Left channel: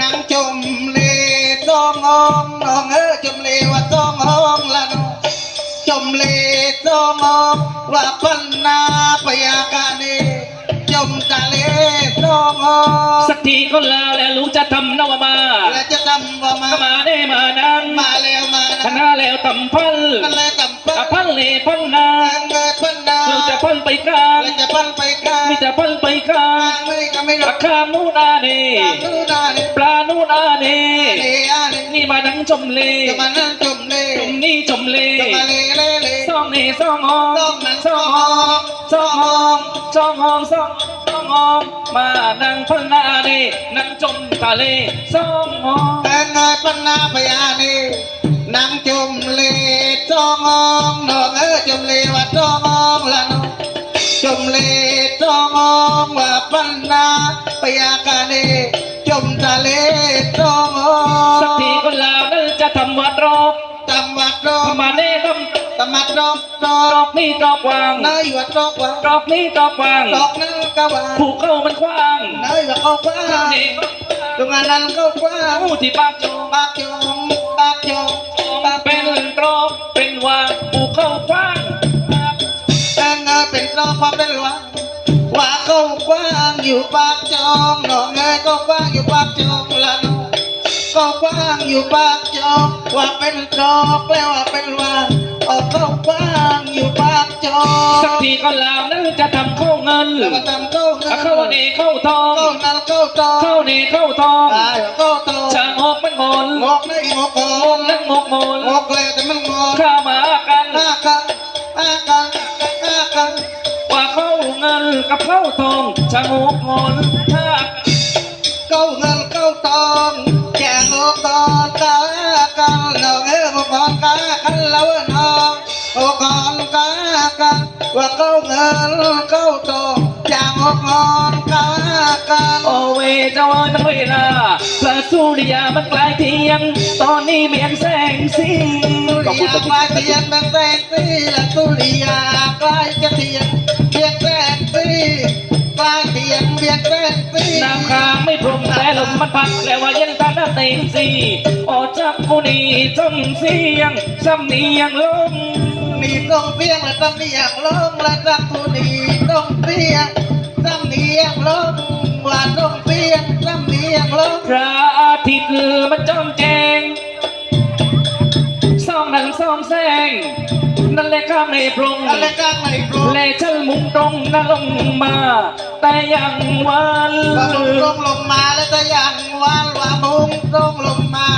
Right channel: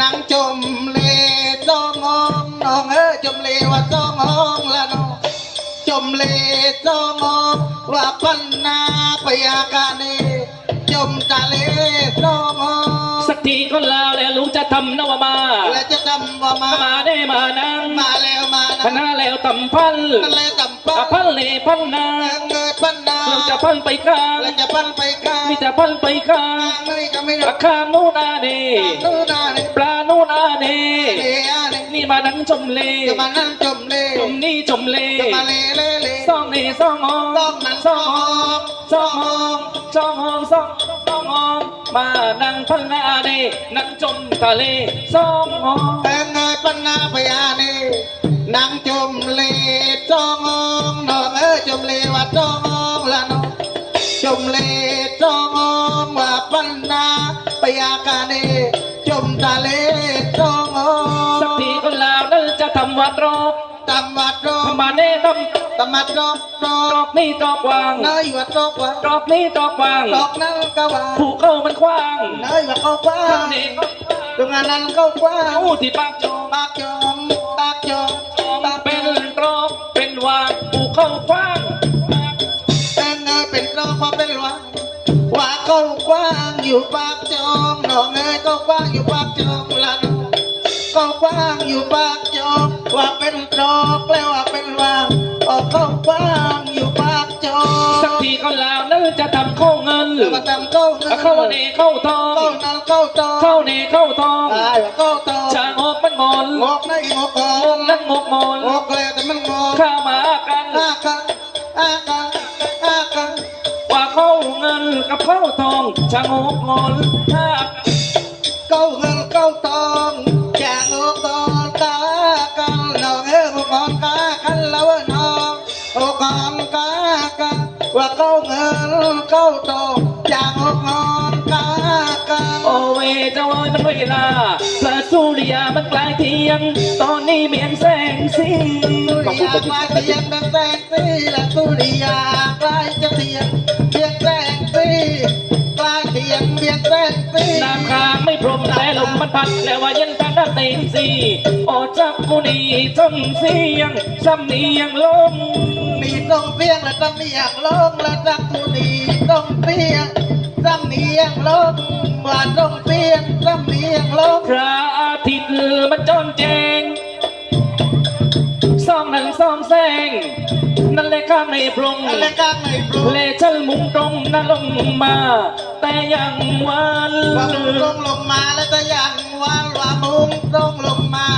นางจมเลจองงองน้องเอ้ยจมเลว่าจองงองละน้องจมเลจองงองว่าพันนาปยากาเนจมตะเลจองงองสักทีก็ลาแล้วรู้จะทำนวมาและจะทำว่ามามาได้มานังมาแล้วมาคณะแล้วตำพันนั่นเลยต่ำอะป้าพันเลพันนาเงินพันดาเราจะพันไปกลางและจะพันไปกลางนี่จะพันไปกลางไม่ก็ไม่รัรากคานู่ นอาเนนู่นนานี่ปลานู่นอาเนเอ้ยนี่นี่มานังจมเลจะมานั่งจมเลจมนี่จมเลจะมาเลเลเลซองนี่ซองหองต้องนั้นซองหองซองหองซองหองซองซองหองมานั่งพันนาเนนั่งจมทะเลซองหองแต่เงยปัญนาพยานีนางจมเลจององน้องเอ้ยจมเลว่าจององละน้องจมเล จององว่าปัญนาพยากานีจมทะเลจองอสักทีก็ลาแล้วจะทำวัดรอบตำวัดรอทำมาเน่ทำตำมัดรอบรอรอบนี่รอบวางเนยวัดรอบวะรอบนี้รอบวางดอกนั้นก็ว่าผูกเข้ามันกว้างเนยว่าเขากว้าเจ้างนี่ตรงนั้นก็กว้างผู้ที่ปากจงปากจองปากจองปากเป็นรอบเป็นวางผูกเข้ากว้างแต่เงยเป็นรองความเป็นหลวง อยู่ปากจองน้องเงยก็กว้างอยู่ปากจองละน้องก็กว้างอยู่ปากจองว่าเป็นจอกแล้วว่าเป็นวางออกเขากว้างอยู่ปากจองสักทีก็ลาแล้วจะทำเข้าเงินแล้วก็ทำเข้าเงินเข้าเนเข้าทองเข้านั่นเข้าจองเข้าเนเข้าทองได้เข้าตองช่างออกมันงอนงอกได้งอกงงงนั่งงกงอน เงินกับเข้าทองช่างออกงอนถ้าเก้าเงินเก้าทองแกงอกตอนกากันเราเอ้ยกอนกากันแล้วน้องโอกอนกากันว่าเก้าเงินเก้าทองจางอกงอนกากันโอเวเจ้ามันเวลาพระสุริยามันกลายเทียงตอนนี้เมียนแสงสีสุริยาปลายเทียนเป็นแสงสีและสุริยา ลมมันพัดแล้วว่ายังตาหน้าเต็มสีออกจากมุนีจนเสียงสำเนียงลมมีต้องเพียงและต้องเนียงลงและจักผู้นีต้องเพียงต้องเนียงลงว่าต้องเพียงต้องเนียงลงพระอาทิตย์มันจ้องแจงส่องหนังส่องแสงนั่นแหละข้ามในพรงอะไรกลางไม่ปลุกเลชันมุง ตรงนั่งลงมา แต่ยังวัน ว่าลงต้งลงมาแล้วก็ยังวันว่ามุ่งตรงลงมา